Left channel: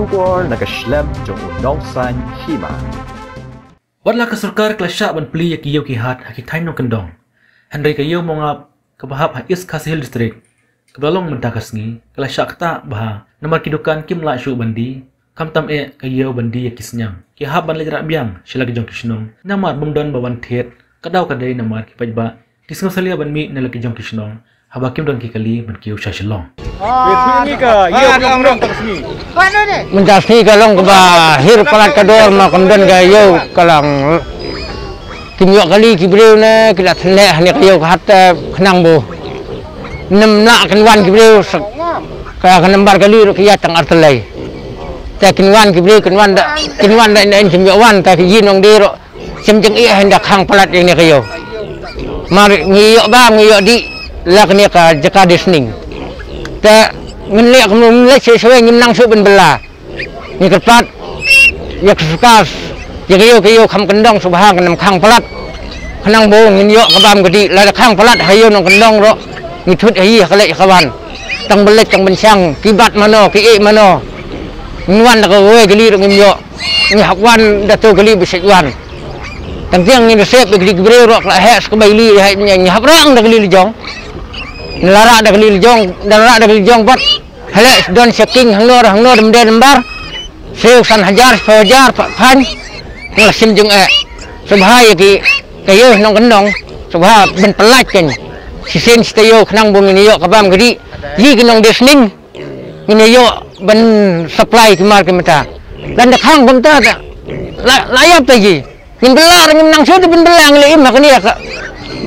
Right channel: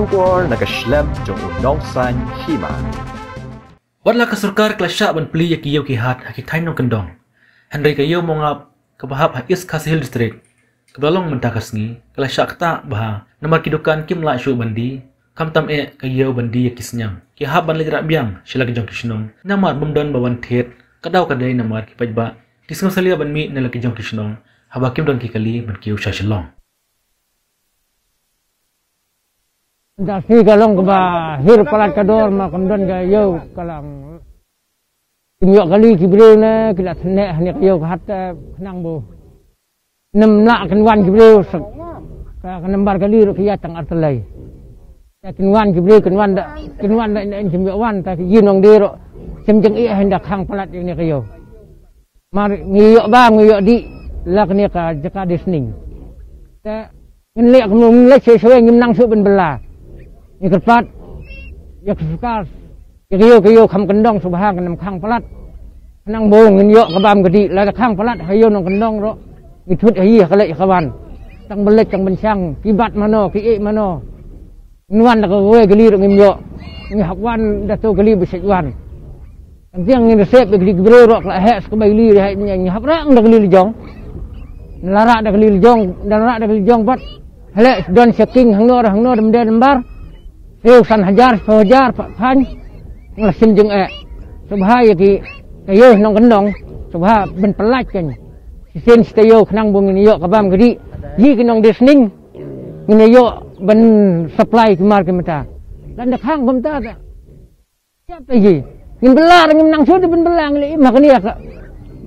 Shubor nakaslem jong unong san hima. Wadla ka surkar klasya ban pli yakiyaw kihat hakitain nong kendong. Henry kayaw mongap kabahap ha is Kasihil district. Kebalong mentakasngi klasya kata bah namar kidukan kim la syu bandi kam tam kayaw bandi yakisnyang. Kihap ban lejrak biang sila kijong kisnong namar bumdon bawan thet kadaw kadai namar kipajba kisnong salia ban mi na laki jong kisnong habakim don kikali ban kiyaw sya silong. Mentasni kalong ke bahir palat kador makam dan gayo kalang kimyok kali kibriu ne kilat seleh ni kayo kata kenang bu nem nak kenwan kibriu kaya kenembar kali kiya tang artelai ta kenwan kibriu kenwan da kimyok wan ta yinong diro semjeng iya hendak hang palat yang ni kayo mari ngiyok ba ngiyok di lak ni ka jaka desning ta ngelek ngelek sesuai ngimnang su ben bela ni kepat ya kesukas ya kayo kham kendong subhang kenam khang pelat kenang bong ngiyok kabam gedi la khang pelat hayo nong kendong ro ngithut hi kalek kawan tang belek tang bensang kibat mano ki mano ngwan ka we geli ngiyok ni hakwan datu geli besekwan tang tiang ni resep geli gebre ro la hes ke baili ni haprang da geli jong lara da geli jong pat hele don checking hang no demde lembar seusan hajar fajar pan ngelasim jeng subhaya ki kayo nong kendong subha ben pelat kan sisen stayo kenang bung ini yo kabam gedi yi kenong desning ini yo ben supply kemar kemata dan dak hang bemta layap tadi ngin belar ngin nang sudah ben belang le im hakni ka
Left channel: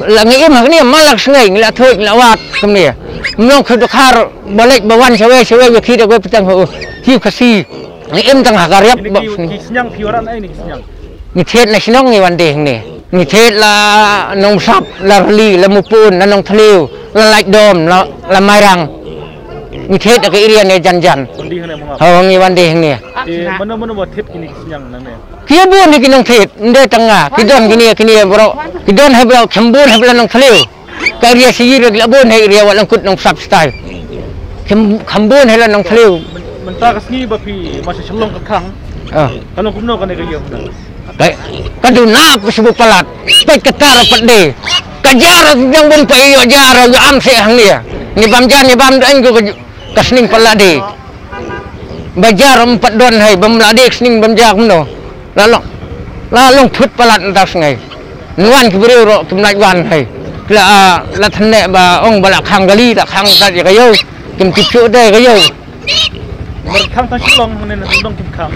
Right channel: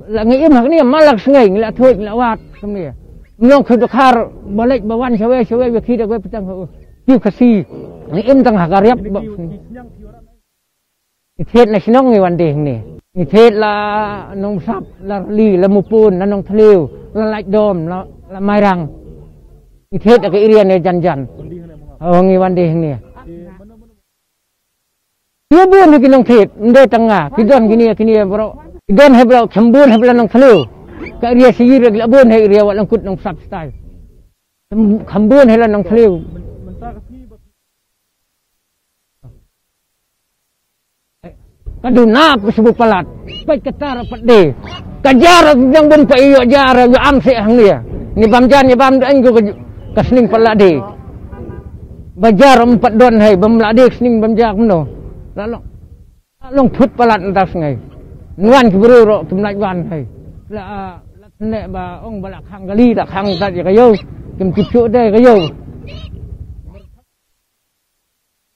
la ngi im hakni malak sngai ngila thoi ngila wat kemni mong khu khar balik bawan sewe ki da go petang ho hiu kasi ni em tang hakariap Kisnyang piwaran ai ni kisnyang. Ni thet na sinong ni wan deh ni thet la nong sap la li la mupun la nong thliu la laik dom la mairang ni thet ka irian ne jan Kondi hane mongap. ho ngi wan deh ni Mana buat tip kini kisnyang nang ne. kia bun ni kinong thet nde tanga kidon kini bro kidon hebla khambun hebla nong thliu ka ria sigi la bun he ria walang kut nong sap style khambun hebla nong thliu Mentakasngi bapi masih selong ke kang. Kalau kumno kan kayaw. Kaduna pesubu palat pet ketar pede kajar yang bun pa iyo jar yo am se hang dia ni bam an go kasning palade bajar 4 don hai bam lade kasning bam jak mno lalong thut palat entas ngai nuan kibreu ro kimlaj wan hai la thane ba ong bala khang gali da khang ta kayo kim tipchu de kayo Merkang tak silong mana tundong kim kang.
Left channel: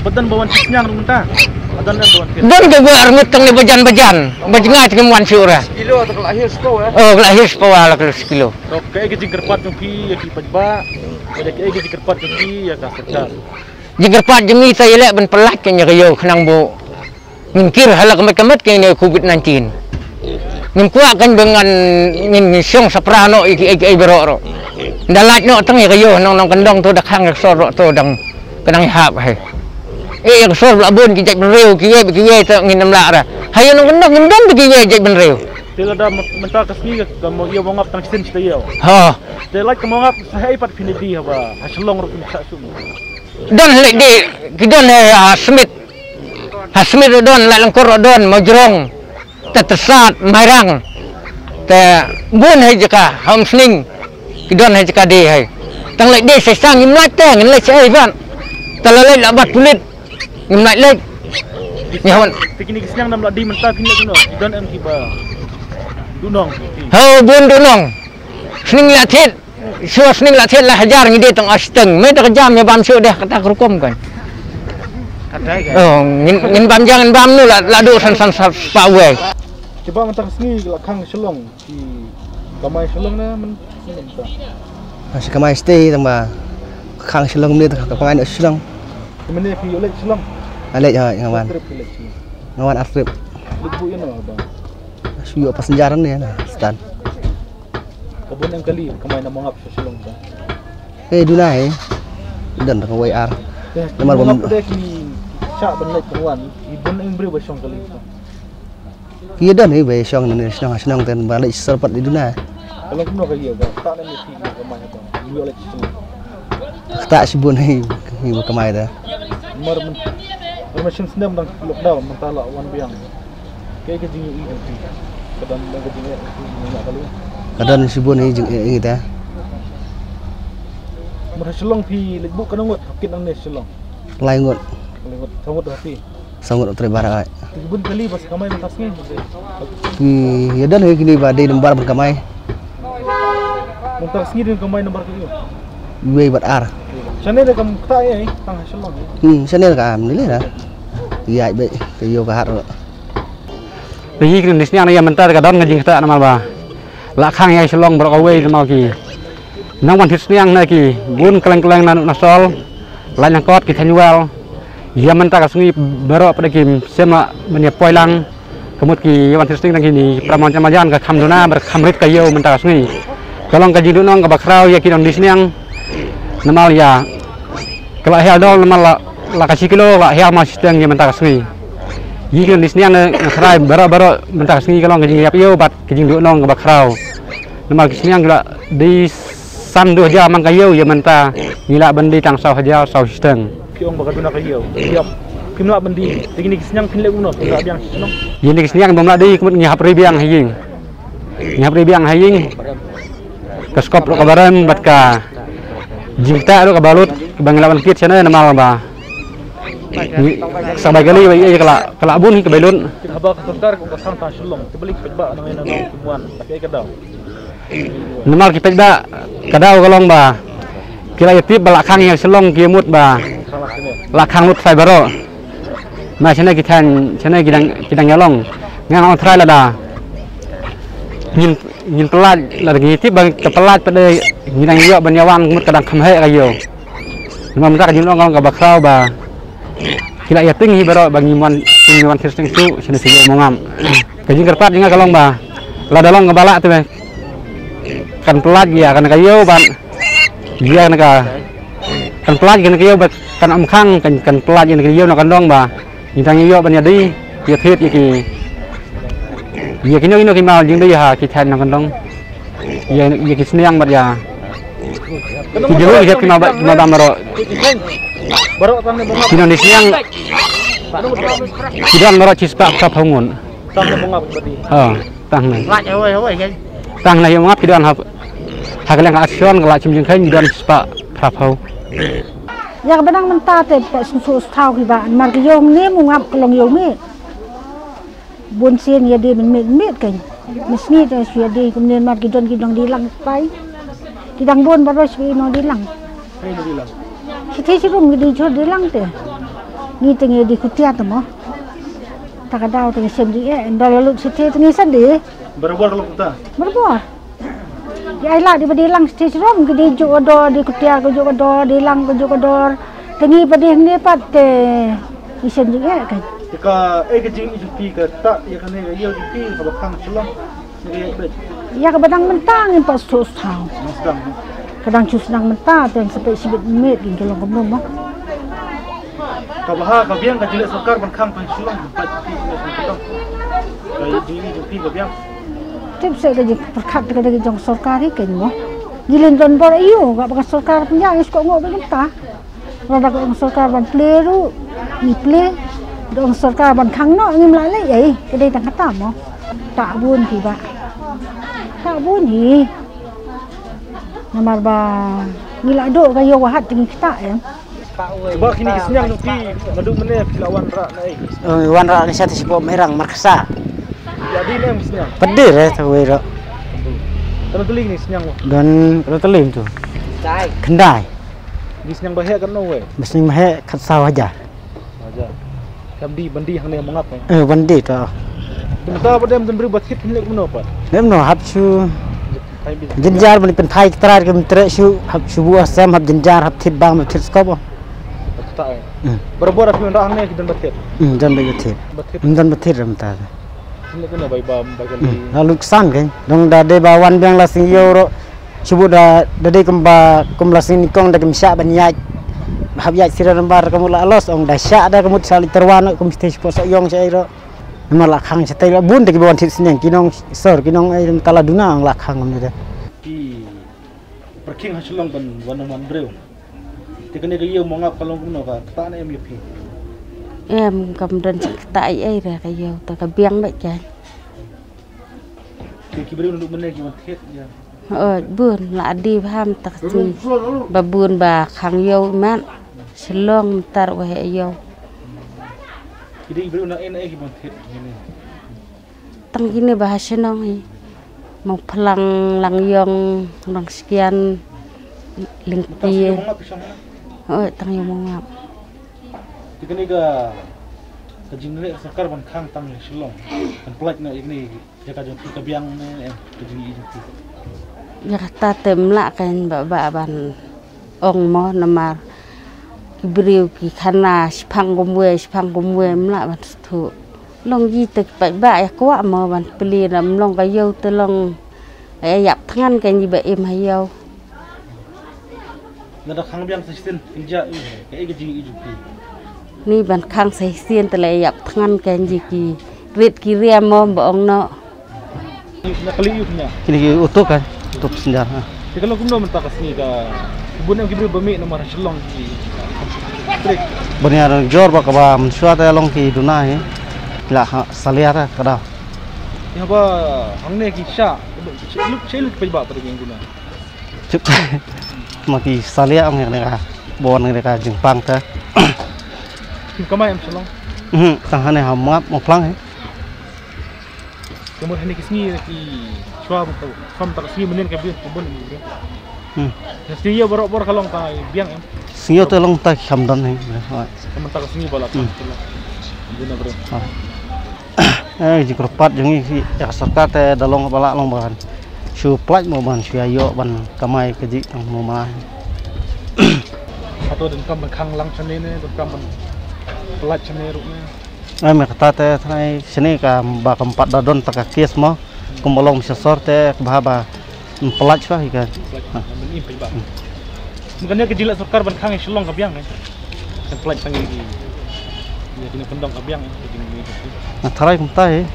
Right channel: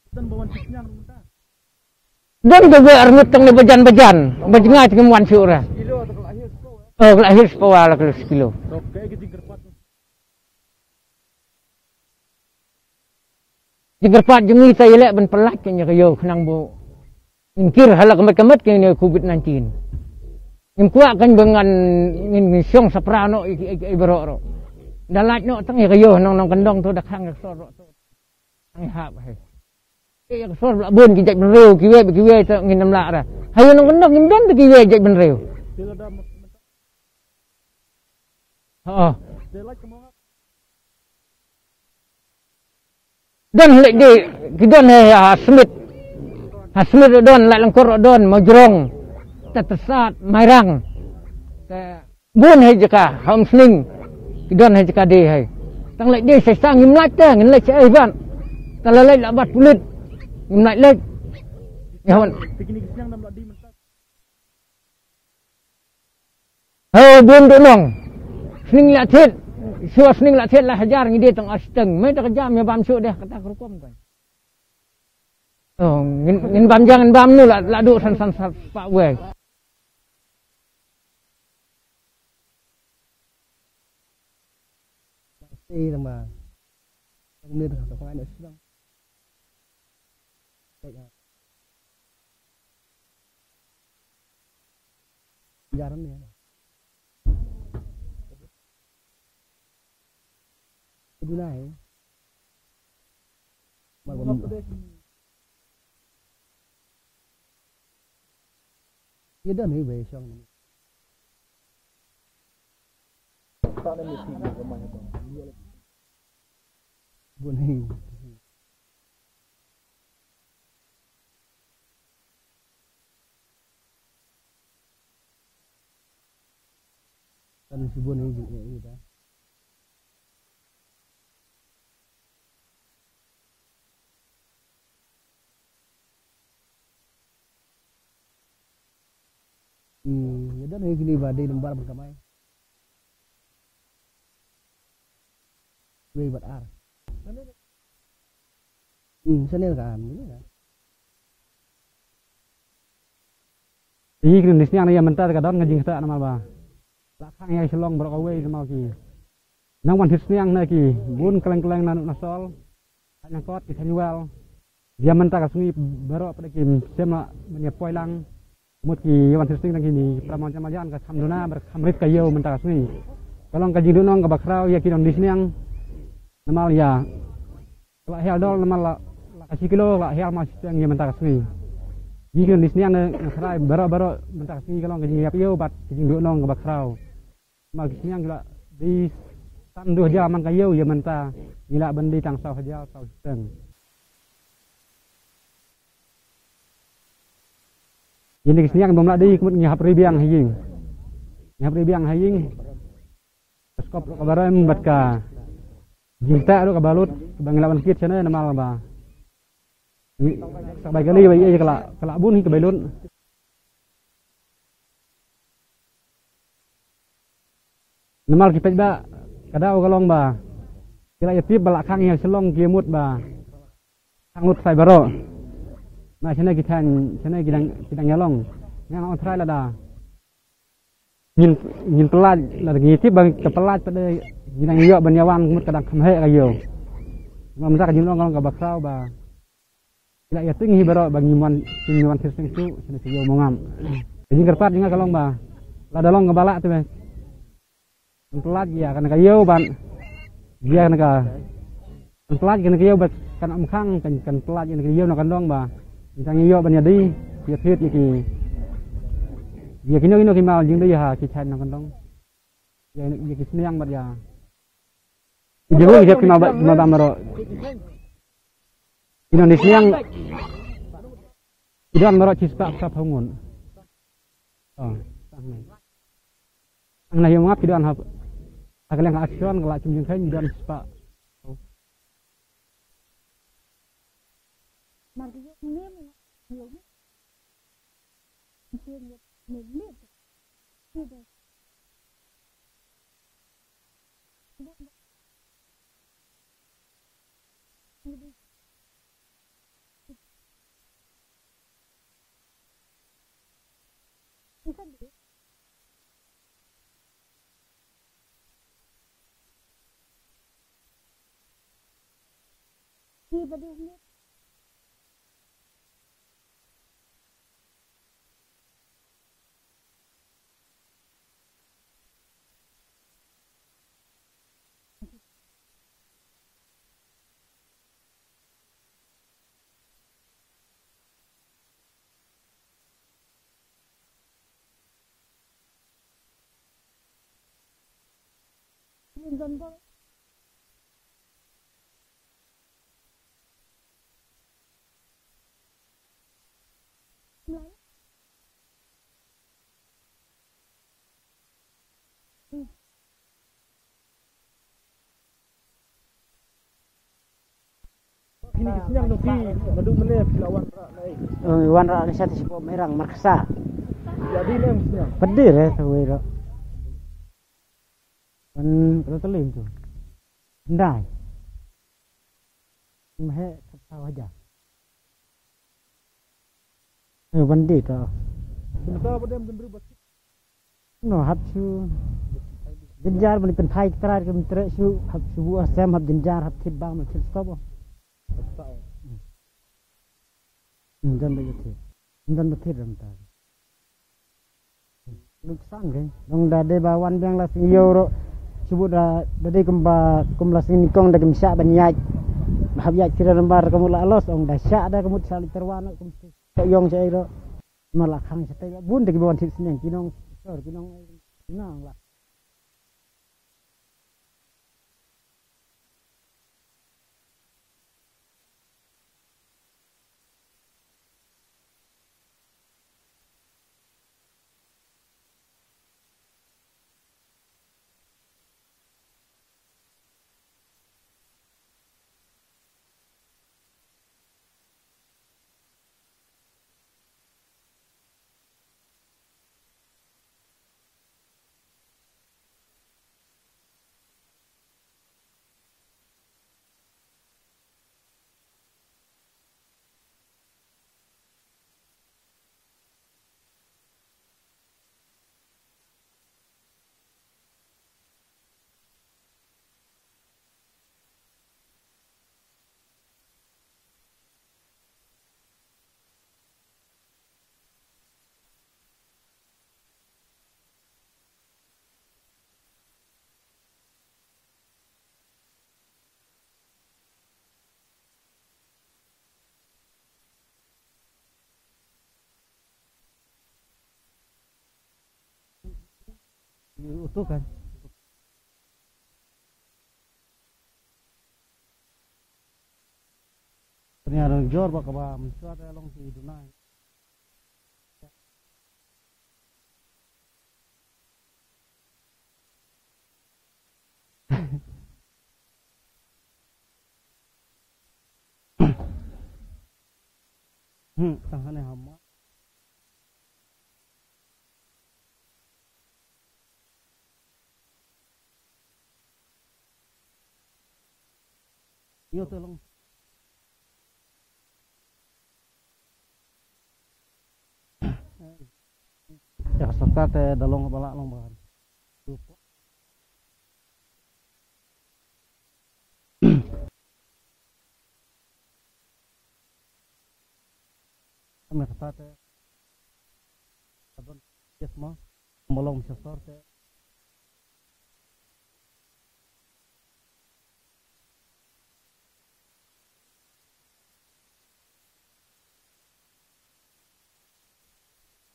Badan bawan kisnyang munta. Badan bawan. Don ke gue armut tang ni bajan bajengat ke wan syura Kilo atau lahir sekolah ya. oh lahir sekolah la kilo Oke, kita kerpat jumpi ya ki pajba. Ada kita kerpat jumpi ya ka sekar. jegerpat jengi ta yelek ben pelat ke kayo kenang bo ngkir halak kemet ke ni covid-19 ngkuak kan dengan ngin syong saprano iki beroro dalat no tang kayo nong kendong tu dak hang sor tu dang kenang hap hai yang sor labun ki jek benreu kiye tu ngin namla ra hayo nong kendong ngindon kiye jek benreu Tila da mentak kasni kamu ia mongap tang sin stayau. ha Tila mongap sahai pat finidi haba haslong ro pun sasum. don lek di kidon Hasmit don la langkor don majrong tetesat mairang te bun hai jaka ham sning kidon hai jaka de hai tang lek de sesang ngimlat te ngilek sai ban talalai la bat pulit ngimlat lek ni hawan Pikini kisnyang nam la di mentak kini kuno. Dan em tiba. Dunong. ho bun dunong sning la thet sua sning la thet la hajar ngide tang asteng me tak jam ya bam su deh kata rukom kan oh ngin bam jangan bam nu la do san pa we Coba mentak kasni kang selong di kamai selong na men. Masih kamai stay tambah khang selong ni tak kamai nak selong. Kemene pi oleh selong. Alek ngawan. Ngawan Afrip. Lubu ya no bang. Suyo pas senjaran ni na stan. Kebun yang kali kamai na mongap sa selong ba. Dunai. Dan ka WR. Nomor bom. Ada ki syak benlek kawan. Ibun yang beri basong kali. Kia dan ni be syong ni senang ten balik serpat di Dunai. Kalau kumno kayo ba tak na mi pi kamai ba. Iyo oleh selong. tak sibun hi kamai dah. Mesin senam dan lockdown mentala wan biang. Kayak ke jingi ini. Kadang ke jingi nak kali. Kadang sibun hi jing kita. Merhasilong pi lebu kan ngot kit nang nesilong. Lai ngot. Ngot sangut hati. Sangut terbarak. Tibun kali pas kamai mentas ni. Ya dan hi kini badai lembar berkamai. Mentas ni dengan kamai nomor kali. Wei bat ar. Sana dah kamu tak ya tang hasilong. Sana ka am ni lah. Iya be yo ka har. Hi kini nisnya na ya mentar ka don ngajing ta namal ba. La khang ya silong ber away namal ki. Nang wan hisniang na ki bun keleng-keleng nanu nasol. Lan yang kot ki thanual. Ya mentar ka sungi bero pada ki sema menya poilang. Kemut ki wan hisning nang kini pramon camajan ka khamduna ber khamrit ka yo mentar ka sungi. Kalong ka jidun nang ka bakrau ya ki don disniang. Namal ya kalau hal dol namal la kasih kilo la hal masih teng yang mentak sungi yikin di sini ane ngakrai baro mentak sungi kalau ngajing yap yo bat ngajing du nong bakrau namal di sini yang gila di san 2 jam mang kayo ya menta ngila bendi tang sau haja sau sisteng Piong bakaduna kayo yap kimla bendi tingini kisnyang pinle uno tidak biang senong yini kisnyang bomla di kemut ngihap ribiang haying keskop lo kabaran bat ka jingta lo kabalut banglawan kit sana namal ba sabai kali iya kala bun ke belun habak sebentar kung kasang ta sulong tibalik pejba nang ina nang kumuan tapi kadaw namal ki pejba kadaw kalong ba kila yatib balak khang yang selong kiamut ba lakhang lut fibero ma sana kitan sana kidang nyalong ngang on try lada nhìn pelat lagi tip bang kepelat pada ngidang yo banyawan kemut kadang khamhe kayo memang mereka jin ong ka bakrau ba kila ya tinggi baro bang ngiman sistem su sini sini mongam kajing kerpat jinga kalong ba la dalong ngebala tu kan pelat ya kan kayo ban dia ka kan pelat kan kayo kan amkhang kan pelat kan kayo na kan dong ba ngidang yo banyadi ya thit iki ya kini mal jing deh ya kita nang kandong ya kisniang bat ya jauh ya kima bamaro kini nisniang tidak maro cispa kap hangun tang na yang ngap tidak hap hakalang action kelak cimjing kain tidak cispa kap hau ya benang mentate pak susu tahu kita margiyong ni mungap kelong yomi bonsen ya dia met kan mesni tu sudah dia kemudian mat kidong dilang pai kidang bon baru sudah dilang siti sirum gidi jod dilang tu ni tengah di kutia tu mo tak ada tengah sendi endal lalu siti tengah sendi berbuat kalau kita berbuat ya ilah di dilang siti sirum gidi jodoh di kutia ke jodoh dilang ke jodoh tengah pada ni pat di sendi kan jika kejing ijupi ke tak ya kan ya ijupi kalau kang selong ni bet ya kadang mentang yang pas sus tahu kadang cus nang mentah dan sampai sibit met gitu loh kamu mah kabaha kabiang kajilat sarkar ban kang pan selong bat di sini kayak di ijupi kabiang tiap saya kerja perkat kerja jong sarkar ni kan mah gilen don bor iyo gak pakai sarkar punya is kok ngok mentah rada kok sarkar ban pleru ni ple dong sarkar ban khang no ngim lại lấy vậy cái đây tang kata mo tak bun thì ba tak bun hi namar ba ngila do kayo wahat tinggi kita ya coba kini kisnyang nupi ngadu meneh lawan rak nai wan rak ni satu sipo merang markasa jadi nem kisnyang pedir ya tu wiro kalau teling ni kisnyang dan kalau telim tu kendai kisnyang bahaya kan no we mesti mahe kat sawah aja bandi hang ne mangap bandi tu Kita pada yang beri buat hit milik mana apa? Nemno hab su jenjar bani penthai trar ke mentre su hab su buah sam hab jenjar hab thit bang hab thit skop. Tak. Berbuat apa yang dah hang kita buat hit. Dan begitu. Dan betul ramta. Ini kena bayi bam bagi. Lalu kesan kan. Dong dah de bawan biang lasing euro. Cuba dah de kemba kum lasing nikong dah kemsyak banyak. Hab ya sira lembar kamu la los ong dah syak dah kamu sali terwan kum stage pot yong cairo. Memang lakhang setai la bun deki bawan tit seneng kinong sor kinong ai tala duna ang lakhang ngam dah. Ki perking hasilong ban wan breu. thì cái này cái yêu mong ngap kalau cũng nó cả ta này em nhập thì em cầm đơn tại ấy rồi cái yêu ta cái biếng vậy trái thì cái bữa nó bên này cái mình thiết buồn là đi ham tắc gì bà buồn bà khang yêu mát selong tar wa yêu jadi bữa nó em cái mình thiết tăng gini bahasa nong mau pelang lang yong lang sekian lingki tăng yêu mong ngap thì cái này cái chính này सरकार ban khang tăng Shillong kan pelak na ini ya ka jong ka biang em ke jing i Jakarta temla kan ba ban ong mo namar kibriu ki khana sphang gomwe mla ban thu long ji tek ba ya kwa mo ban pli ram long ka yo te long ai yap thangan kan ji ba em ha yo na da khang biang sistem inja cái jing i jupi ni ban khang sai sien te le yap thangan kan ji ki rit ki riam mo ba ong no na kali yu punya Kini utuh kan, utuh senjata. thì kalau cũng đâu mình ta cái gì cả bún em kibriu bami nomor Shillong ki trik Benar jor ba kaba mensuat long ki dunai. La saliat kada. ya ba hang ne ki sha lúc pe ba pada yang guna Cuk. Maki saliat ang mereka. Bon mereka Jepang ta. kim kamai em Shillong Tang hane hamap mo plang. kemudian ini kisni ki chua bu fam tak kisni menen ka bi bun ni jadi ya borok kalau ka biang em Sinyo tu long ta hamdan hai. teman tak kisni bala guna bro Jika rapat jangi ya sarkat dalong bala long bahan. Shu plaj mo ban shu ayo ban kamai keji tang mo ma. atau dan kam khang lang chane ne dan kam pelat chane rukne Me kata thanai sini ka ba kampat dadon tak kies mo kumolong sesor te bahaba pelaj bah ikan. ini pe ba makanya kejilat sarkar ban khang Shillong ka biang kan pelat tangi ni ya kini pendong ka biang ni Nah tarai kumtai.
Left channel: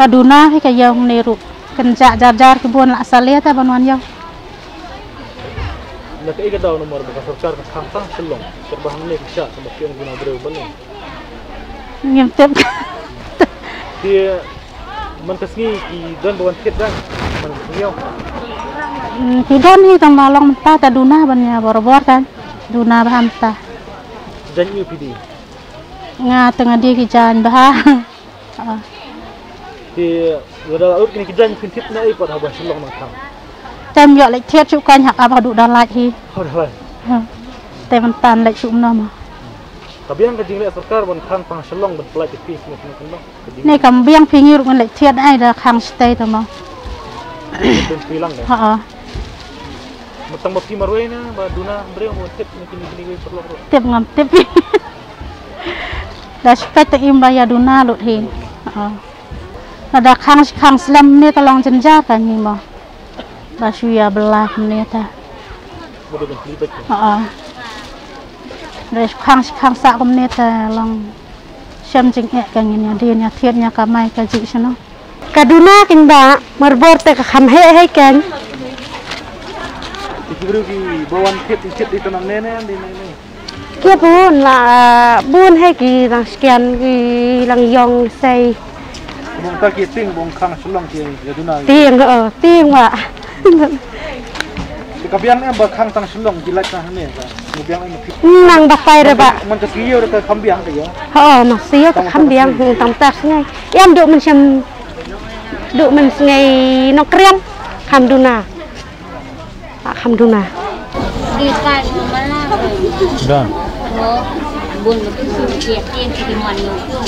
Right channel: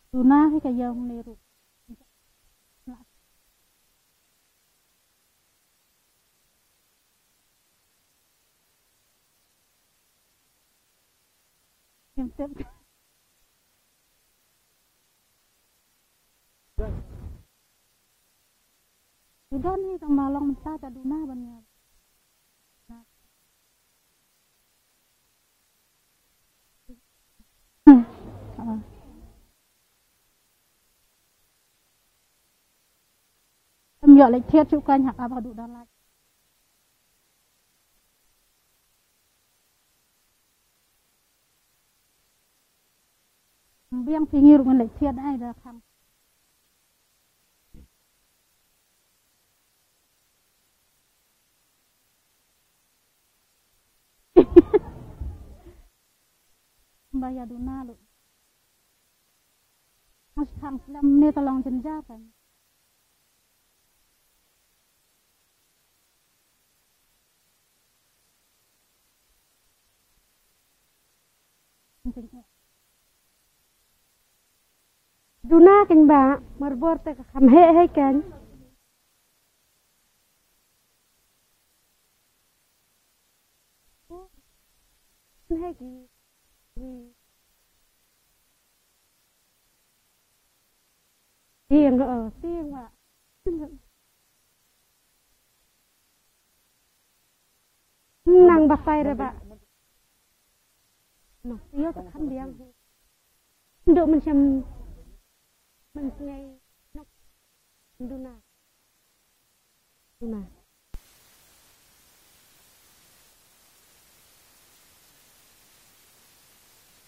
Kaduna hay kayong niru kenja jar kebun la salia ta banwan yaw na kai ka daw nomor ba sarkar ka khang tang Shillong terbahang ne kisha sama piang guna bro balong ngem tep thì mình cái gì thì đơn buồn thiết ra mình nhiều Hidon hi tang malong ta ta duna banya bor kan duna baham ta dan như pidi nga tengah dia kijan bah thì người ta ước cái dan pin thiết này còn học Shillong mà thằng tem yo lek thiet chu kan hak apa du dan laj hi thôi thôi tem tan lek chu no ma tapi yang kejing lek sarkar ban khang tang Shillong ban pelaj pi ni ni kam biang pingi ru kan lek thiet ai da khang stay ta ma ben pilang deh ha matang mapi marwe na ba duna breu mo tip ni kini Shillong tep ngam tep da spek ta im ba ya duna lut hi ada khang slam ni tolong jenja kan ni ma ba shu ya belah ni ta mo ben libet Dari khang sa kom ni ta long syam jing e kan ni dia nya thiet nya ka mai ka ji sno Kaduna kin ba marbor te ka kham he kan thì breu ki bawan thiết di tanang nene di nene kia bun la bun he ki lang sekian ki lang yong sei bong ta ki ting bong khang Shillong ki ya duna tieng wa thì kabiang em ba khang tang Shillong jilat na ne ka kabiang em nang ba pai re ba man ka kiyo ka kambiang ka yo no sia ka kham biang tam tak ngai em du mình ngày nó krem kham duna Di kai mana dah bun tiap tiang di mana tu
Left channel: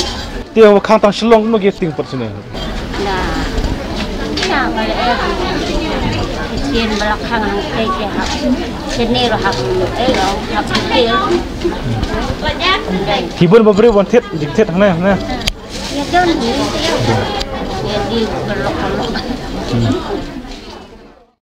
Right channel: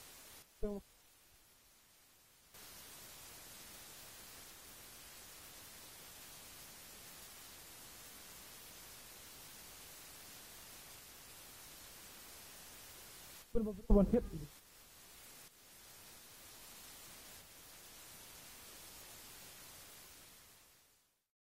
tiang khang tang Shillong no ki ting persene nah ya balik tiang belakang kayak hak sini roh hak hak kecil thì bên bà breu ban thiết dịch thiết thằng này nè ya don ya di belakang